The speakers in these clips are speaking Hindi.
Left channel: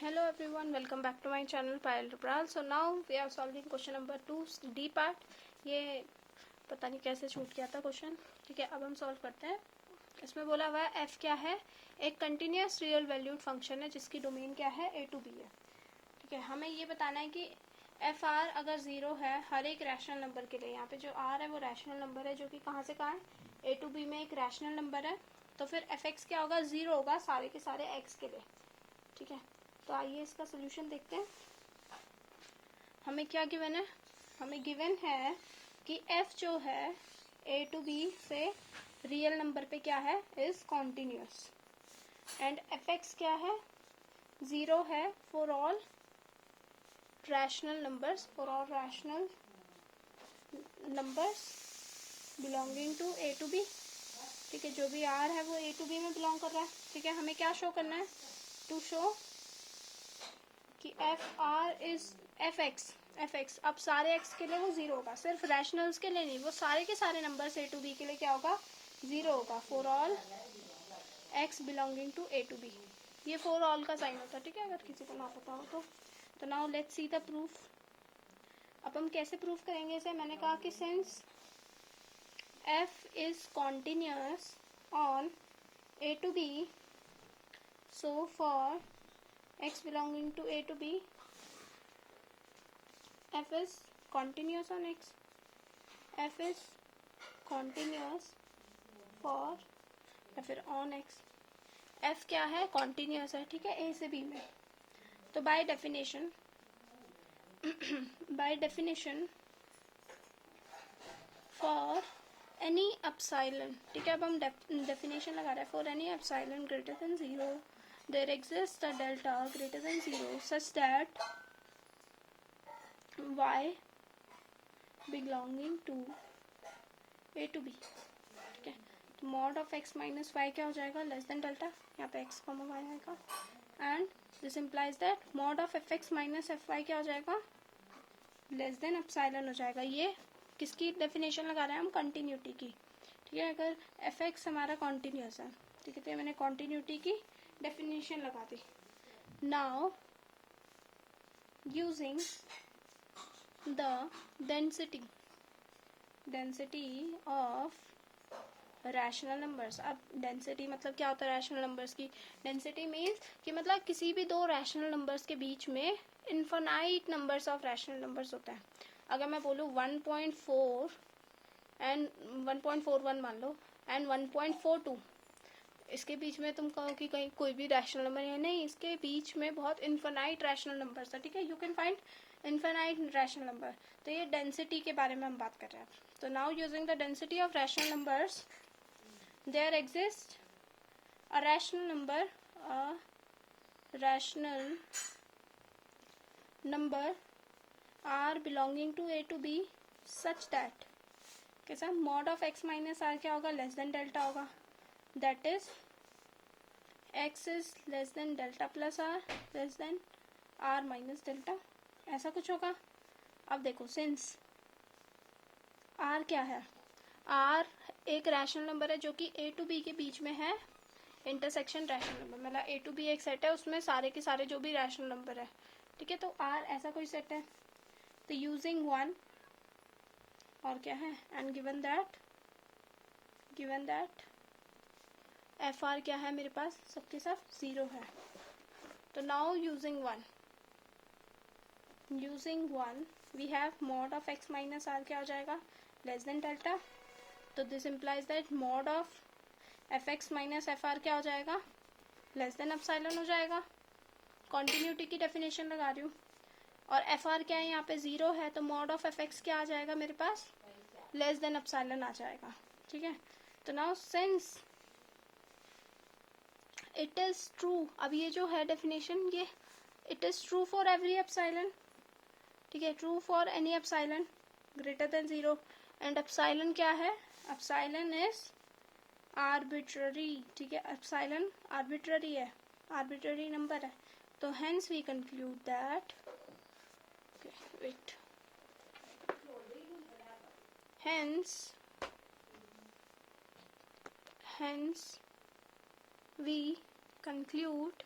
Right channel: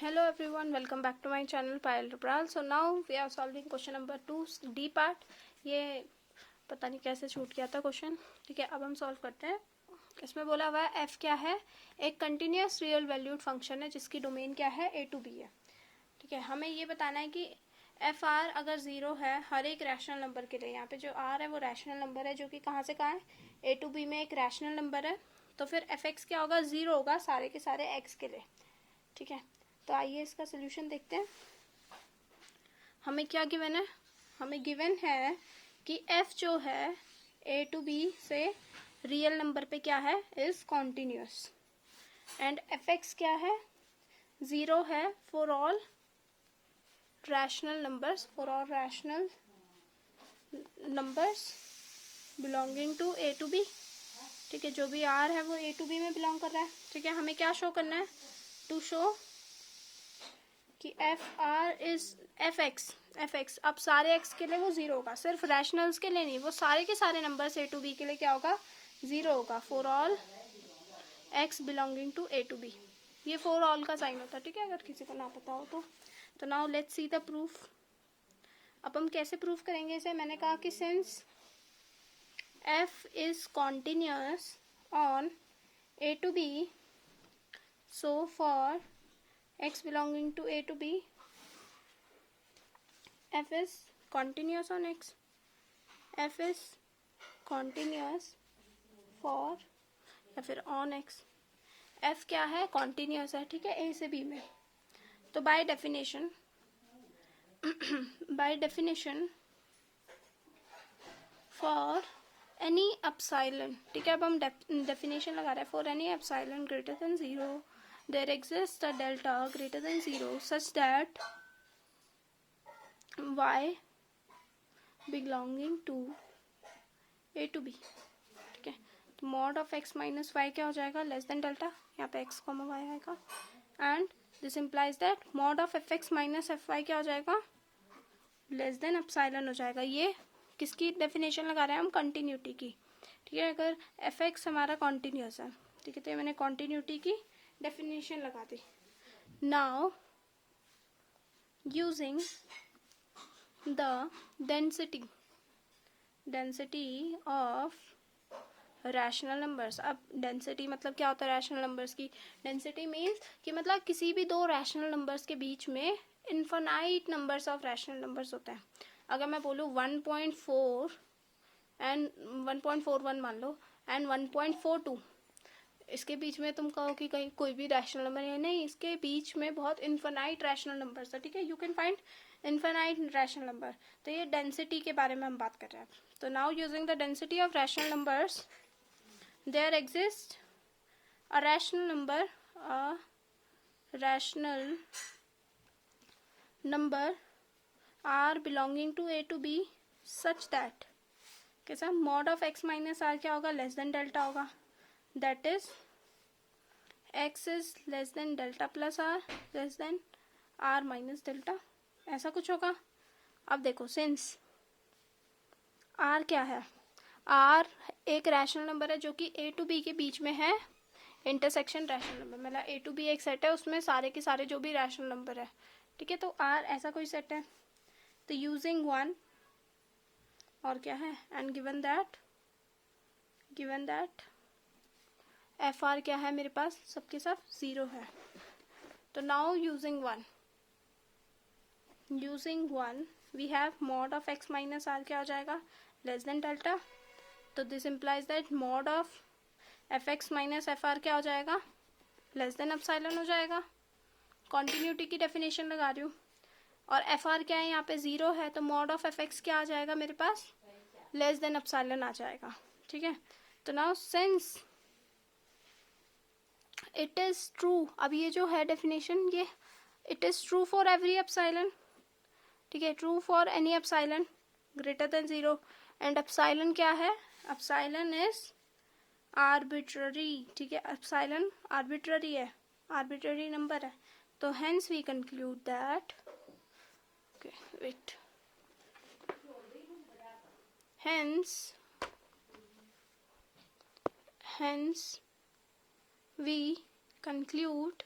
Hello everyone, welcome back to my channel Payal Rupral. So now we are solving question number 2 D part. ये पता नहीं कैसे छूट गया था क्वेश्चन. ठीक है, अब हम सॉल्व करते हैं. इसमें बोला हुआ है f क्या है, एक कंटिन्यूस रियल वैल्यूड फंक्शन है जिसकी डोमेन क्या है a टू b है. ठीक है, हमें ये बताना है कि एफ आर अगर ज़ीरो है हर एक रैशनल नंबर के लिए. यहाँ पे जो आर है वो रैशनल नंबर है जो कि कहाँ से कहाँ है, ए टू बी में एक रैशनल नंबर है. तो फिर एफ एक्स क्या होगा, ज़ीरो होगा सारे के सारे एक्स के लिए. ठीक है, तो आइए इसका सोल्यूशन देखते हैं. हमें क्या गिवन है, हमें गिवन है कि f जो है a टू b से रियल नंबर पे क्या है, इज कॉन्टिन्यूस. एंड fx क्या है, ज़ीरो है for all rational numbers, belonging to a to b. ठीक है, जो भी r है वो a टू b में बिलोंग कर रहा है. ठीक है, हमें क्या शो करना है, टू शो कि F R is F x अब सारे एक्स के लिए वो ज़ीरो होगा, सिर्फ रैशनल्स के लिए नहीं, वो सारे के सारे नंबर ए टू बी के लिए क्या होगा, ज़ीरो होगा for all x belonging to a to b. ये फॉर ऑल का साइन होता है. ठीक है, अगर किसी को ना पता हो तो now let's see the proof. अब हम कैसे प्रूफ करेंगे इसे. मैंने कहा कि since f is continuous on a to b, so for x belonging to a to b, f is continuous on x, f is continuous for या फिर on x. f क्या है, continuous है. ठीक है, a से b में. तो by definition for any epsilon, ठीक है, अब हम definition लगा रहे हैं. for any epsilon greater than 0 there exists a delta greater than 0 such that y belonging to a to b. ठीक है, तो mod of x minus y क्या हो जाएगा, लेस देन डेल्टा. यहाँ पे x कॉमा वाई आएगा. And this implies that mod of f x minus f y क्या हो जाएगा, लेस देन एप्सिलॉन हो जाएगा. ये किसकी डेफिनेशन लगा रहे हैं हम, कंटिन्यूटी की. ठीक है, अगर एफ एक्स हमारा कॉन्टिन्यूस है, ठीक है, तो मैंने कॉन्टिन्यूटी की डेफिनेशन लगा दी. Now using the density of rational numbers. अब डेंसिटी मतलब क्या होता है रैशनल नंबर्स की, डेंसिटी मीन्स कि मतलब किसी भी दो रैशनल नंबर्स के बीच में infinite numbers of rational numbers होते हैं. अगर मैं बोलूँ 1.4 एंड 1.41 मान लो एंड 1.42, इसके बीच में तुम कहो कि कहीं कोई भी रैशनल नंबर है, नहीं, इसके बीच में बहुत इन्फिनाइट रैशनल नंबर्स है. ठीक है, you can find infinite rational number. तो ये डेंसिटी के बारे में हम बात कर रहे हैं. तो now using the density of rational numbers, there exists a rational number r belonging to a to b such that कैसा, mod of x minus r क्या होगा, लेस देन डेल्टा होगा. That is x is less than delta plus r less than r minus delta, ऐसा कुछ होगा. अब देखो, सिंस r क्या है, r एक रैशनल नंबर है जो कि a टू b के बीच में है, इंटरसेक्शन रैशनल नंबर. मतलब a टू b एक सेट है, उसमें सारे के सारे जो भी रैशनल नंबर है. ठीक है, तो r ऐसा कोई सेट है. तो यूजिंग वन और क्या है, and given that f r क्या है मेरे पास, सबके सब ज़ीरो है. तो now using one we have mod of x minus r क्या हो जाएगा, लेस देन डेल्टा. तो this implies that mod of f x minus f r क्या हो जाएगा, लेस देन एप्सिलॉन हो जाएगा. कॉन्टिन्यूटी की डेफिनेशन लगा रही हूँ. और एफ आर क्या है, यहाँ पे ज़ीरो है, तो मॉड ऑफ एफ एक्स क्या आ जाएगा मेरे पास, लेस देन एप्सिलॉन आ जाएगा. ठीक है, तो now since it is true, अब ये जो है डेफिनेशन, ये it is true for every epsilon. ठीक है, true for any epsilon greater than 0. And epsilon क्या है, एप्सिलॉन इज आर्बिट्ररी. ठीक है, एप्सिलॉन आर्बिट्ररी है, आर्बिट्ररी नंबर है. तो hence we conclude that hence we conclude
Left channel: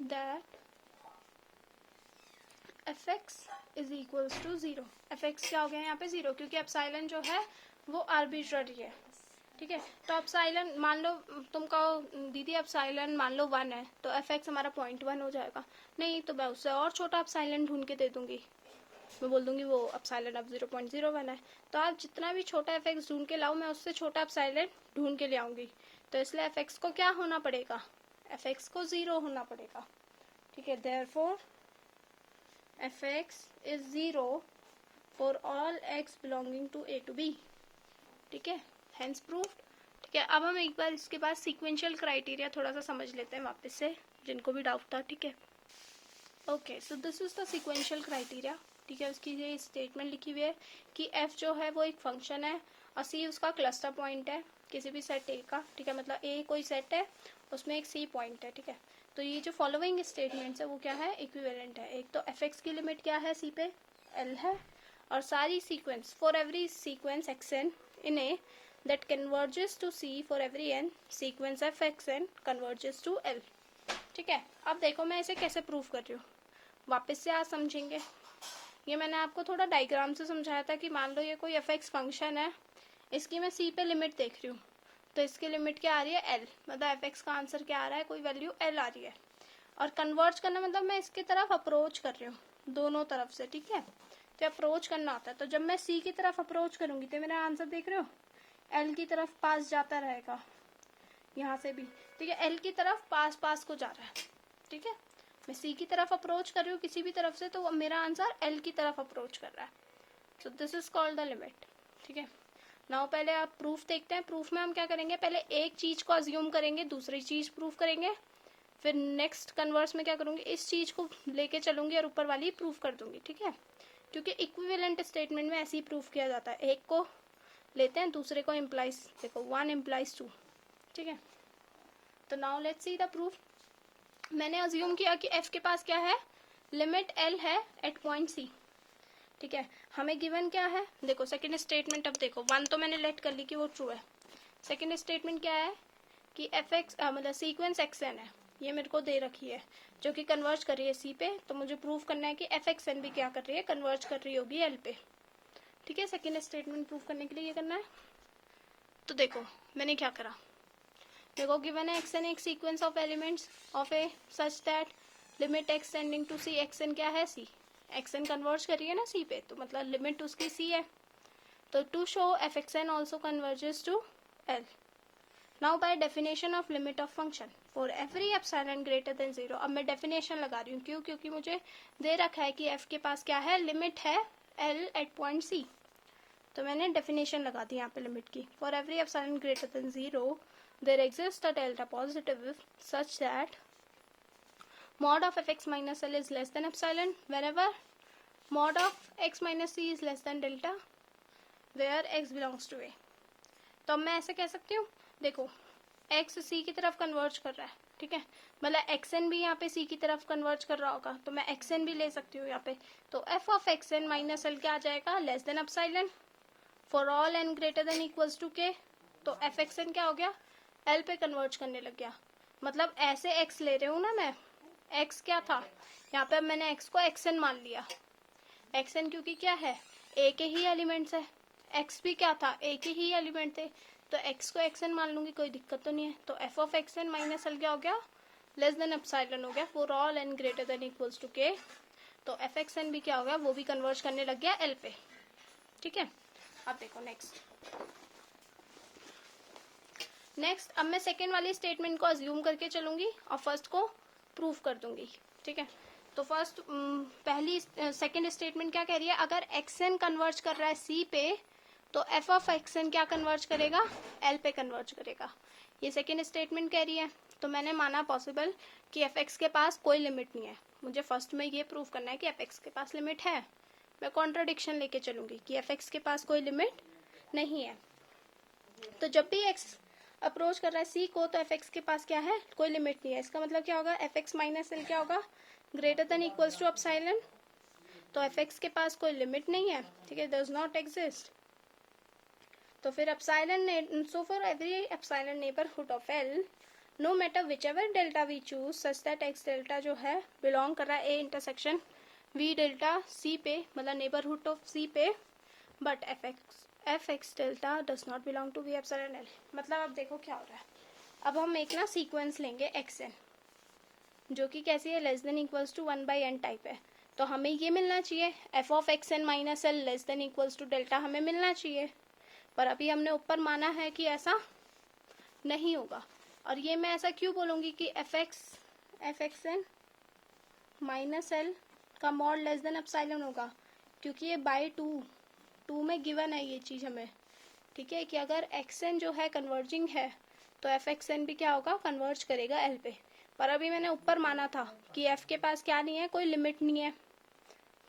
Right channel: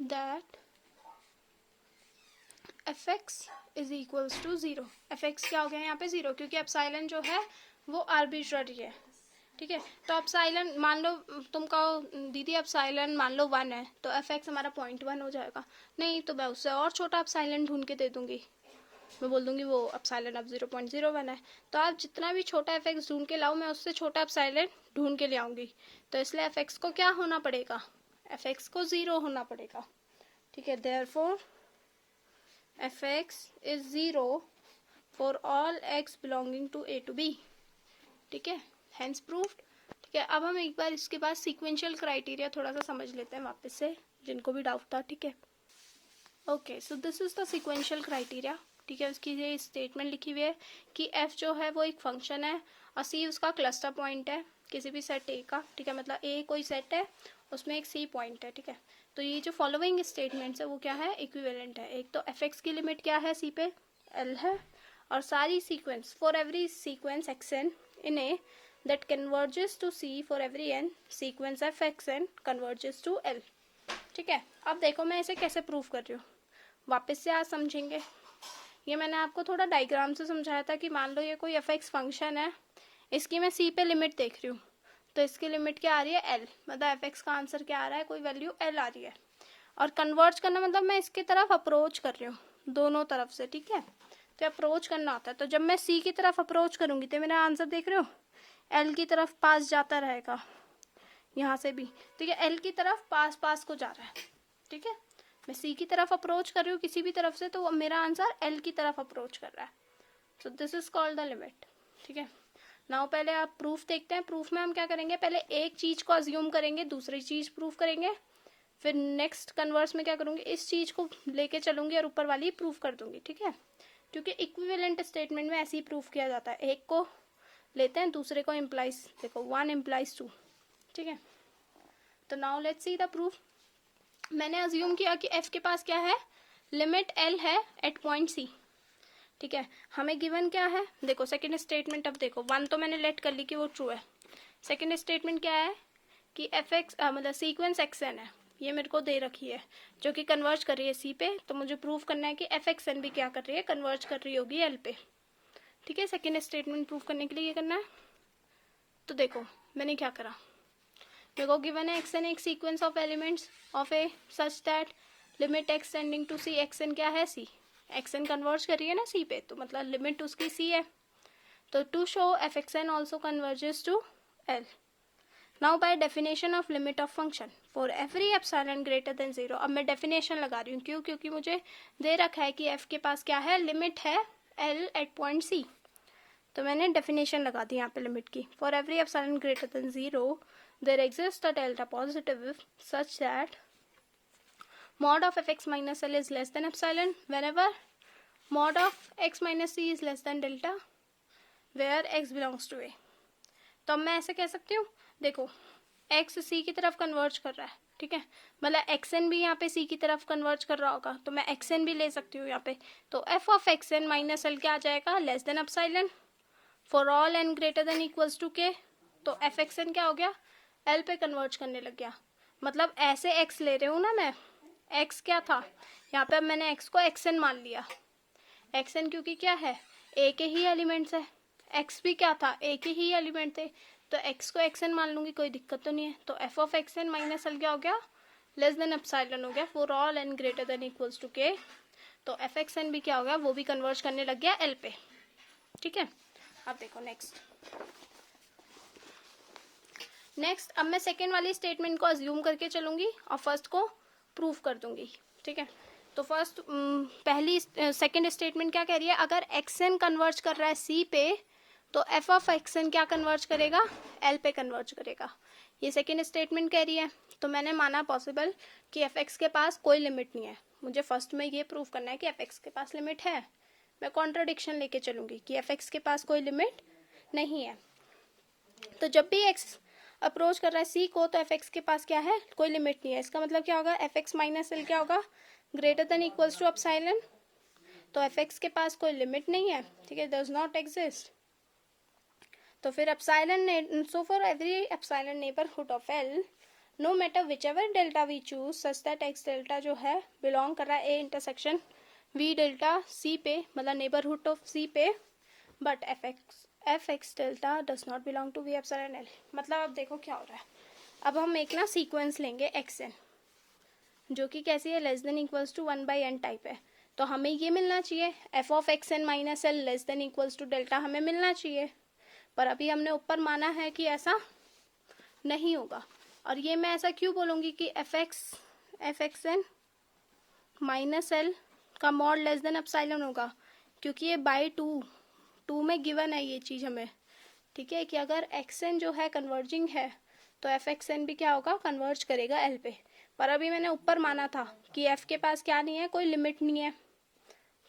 that f x is equals to zero. F x क्या हो गया यहाँ पे ज़ीरो, क्योंकि एप्सिलॉन जो है वो आर्बिट्ररी है, ठीक है। तो एप्सिलॉन मान लो तुम कहो दीदी एप्सिलॉन मान लो 1 है, तो एफ एक्स हमारा 0.1 हो जाएगा। नहीं तो मैं उससे और छोटा एप्सिलॉन ढूंढ के दे दूंगी, मैं बोल दूंगी वो एप्सिलॉन अब 0.01 है। तो आप जितना भी छोटा एफ एक्स ढूंढ के लाओ, मैं उससे छोटा एप्सिलॉन ढूंढ के ले आऊंगी। तो इसलिए एफ एक्स को क्या होना पड़ेगा, एफ एक्स को 0 होना पड़ेगा, ठीक है। Therefore f x is 0 for all x belonging to a to b, ठीक है, हेंस प्रूफ्ड। ठीक है, अब हम एक बार इसके बाद सीक्वेंशियल क्राइटेरिया थोड़ा सा समझ लेते हैं वापस से, जिनको भी डाउट था, ठीक है। Okay, so this is the sequential criteria, ठीक है। उसकी ये स्टेटमेंट लिखी हुई है कि एफ जो है वो एक फंक्शन है और सी उसका क्लस्टर पॉइंट है किसी भी सेट ए का, ठीक है। मतलब ए कोई सेट है, उसमें एक सी पॉइंट है, ठीक है। तो ये जो फॉलोइंग स्टेटमेंट्स है वो क्या है, इक्विवेलेंट है। एक तो एफ एक्स की लिमिट क्या है सी पे, एल है, और सारी sequence for every sequence x n in a that converges to C for every n sequence f x n converges to L, ठीक है। अब देखो मैं इसे कैसे प्रूव कर रही हूँ, वापस से आज समझेंगे। ये मैंने आपको थोड़ा डायग्राम से समझाया था कि मान लो ये कोई एफ एक्स फंक्शन है, इसकी मैं सी पे लिमिट देख रही हूँ, तो इसकी लिमिट क्या आ रही है, एल, मतलब एफ एक्स का आंसर क्या आ रहा है, कोई वैल्यू एल आ रही है। और कन्वर्ज करना मतलब मैं इसकी तरफ अप्रोच कर रही हूँ दोनों तरफ से, ठीक है। तो अप्रोच करना होता है, तो जब मैं सी की तरफ अप्रोच करूंगी तो मेरा आंसर देख रहे हो एल की तरफ पास जाता रहेगा, यहाँ से भी, ठीक है। एल की तरफ पास पास को जा रहा है, ठीक है। मैं सी की तरफ अप्रोच कर रही हूँ किसी भी तरफ से, तो मेरा आंसर एल की तरफ अप्रोच कर रहा है। So this is called the limit, ठीक है। नाउ पहले आप प्रूफ देखते हैं। प्रूफ में हम क्या करेंगे, पहले एक चीज को अज्यूम करेंगे, दूसरी चीज प्रूफ करेंगे, फिर नेक्स्ट कन्वर्स में क्या करूंगी, इस चीज को लेके चलूंगी और ऊपर वाली प्रूफ कर दूंगी, ठीक है। क्योंकि इक्विवेलेंट स्टेटमेंट में ऐसे ही प्रूफ किया जाता है, एक को लेते हैं दूसरे को इम्प्लाइज, देखो 1 इम्प्लाइज 2, ठीक है। तो now let's see the proof. मैंने अज्यूम किया कि एफ के पास क्या है, लिमिट एल है एट पॉइंट सी, ठीक है। हमें गिवन क्या है, देखो सेकंड स्टेटमेंट, अब देखो 1 तो मैंने लेट कर ली कि वो ट्रू है। सेकंड स्टेटमेंट क्या है कि एफ एक्स मतलब सीक्वेंस एक्स एन है, ये मेरे को दे रखी है, जो कि कन्वर्ज कर रही है सी पे। तो मुझे प्रूव करना है कि एफ एक्स एन भी क्या कर रही है, कन्वर्ज कर रही होगी एल पे, ठीक है। सेकेंड स्टेटमेंट प्रूव करने के लिए ये करना है। तो देखो मैंने क्या करा, देखो गिवन है एक्स एन एक sequence of elements of a such that limit x tending to c, x n क्या है सी, एक्स एन कन्वर्ज कर रही है ना सी पे, तो मतलब लिमिट उसकी सी है। तो to show f x n also converges to L. Now by definition of limit of function for every epsilon greater than 0, अब मैं डेफिनेशन लगा रही हूँ, क्यों, क्योंकि मुझे दे रखा है कि एफ के पास क्या है, लिमिट है एल एट पॉइंट सी। तो मैंने डेफिनेशन लगा दी यहाँ पे लिमिट की, for every epsilon greater than 0 there exist a delta positive such that mod of fx minus l is less than epsilon whenever mod of x minus c is less than delta where x belongs to a। तो अब मैं ऐसे कह सकती हूँ, देखो x c की तरफ कन्वर्ज कर रहा है, ठीक है, मतलब xn भी यहाँ पे c की तरफ कन्वर्ज कर रहा होगा, तो मैं xn भी ले सकती हूँ यहाँ पे। तो f of xn minus l क्या आ जाएगा, less than epsilon for all n greater than equals to k। तो एफ एक्स एन क्या हो गया, l पे कन्वर्ज करने लग गया, मतलब ऐसे x ले रही हूँ ना मैं, x क्या था यहाँ पे, अब मैंने x को xn मान लिया, xn क्योंकि क्या है a के ही एलिमेंट्स है, x भी क्या था a के ही एलिमेंट थे, तो x को xn मान लूंगी, कोई दिक्कत तो नहीं है। तो f of xn minus l क्या हो गया, लेस देन एप्सिलॉन हो गया for all n greater than equals to k। तो एफ एक्स एन भी क्या हो गया, वो भी कन्वर्ज करने लग गया l पे, ठीक है। अब देखो नेक्स्ट अब मैं सेकेंड वाली स्टेटमेंट को अज्यूम करके चलूंगी और फर्स्ट को प्रूव कर दूंगी, ठीक है। तो फर्स्ट पहली सेकेंड स्टेटमेंट क्या कह रही है, अगर एक्स एन कन्वर्ज कर रहा है सी पे, तो एफ ऑफ एक्स एन क्या कन्वर्ज करेगा, एल पे कन्वर्ज करेगा, ये सेकेंड स्टेटमेंट कह रही है। तो मैंने माना पॉसिबल कि एफ एक्स के पास कोई लिमिट नहीं है, मुझे फर्स्ट में ये प्रूव करना है कि एफ एक्स के पास लिमिट है। मैं कॉन्ट्राडिक्शन लेके चलूंगी कि एफ एक्स के पास कोई लिमिट नहीं है। तो जब भी एक्स अप्रोच कर रहा है सी को, तो एफ एक्स के पास क्या है, कोई लिमिट नहीं है। इसका मतलब क्या होगा, एफ एक्स माइनस एल क्या होगा, greater than equals to epsilon. तो एफ एक्स के पास कोई लिमिट नहीं है, ठीक है, डज नॉट एग्जिस्ट। तो फिर epsilon, so for every epsilon neighbourhood of L no matter which ever delta we choose such that x delta जो है बिलोंग कर रहा है A intersection V delta c पे, मतलब नेबरहुड ऑफ सी पे, but f x delta does not belong to V epsilon L. मतलब अब देखो क्या हो रहा है, अब हम एक ना सीक्वेंस लेंगे एक्स एन जो कि कैसी है, less than equals to 1/n type है, तो हमें ये मिलना चाहिए f of x n minus L less than equals to delta हमें मिलना चाहिए, पर अभी हमने ऊपर माना है कि ऐसा नहीं होगा। और ये मैं ऐसा क्यों बोलूँगी कि f x n minus L का मॉड लेस देन एप्सिलॉन होगा, क्योंकि ये बाई टू में गिवन है ये चीज़ हमें, ठीक है, कि अगर एक्स एन जो है कन्वर्जिंग है तो एफ एक्स एन भी क्या होगा, कन्वर्ज करेगा एल पे। पर अभी मैंने ऊपर माना था कि एफ के पास क्या नहीं है, कोई लिमिट नहीं है,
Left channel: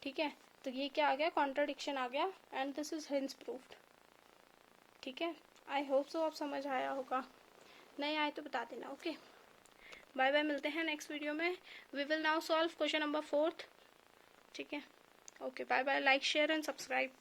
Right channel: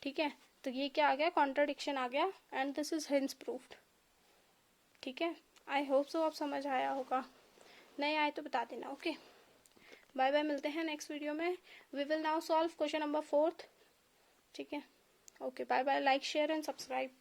ठीक है, तो ये क्या आ गया, कॉन्ट्राडिक्शन आ गया, and this is hints proofed. ठीक है, आई होप सो आप समझ आया होगा, नहीं आए तो बता देना। ओके, बाय बाय, मिलते हैं नेक्स्ट वीडियो में। We will now solve question number 4। ठीक है, okay, bye bye, like share and subscribe.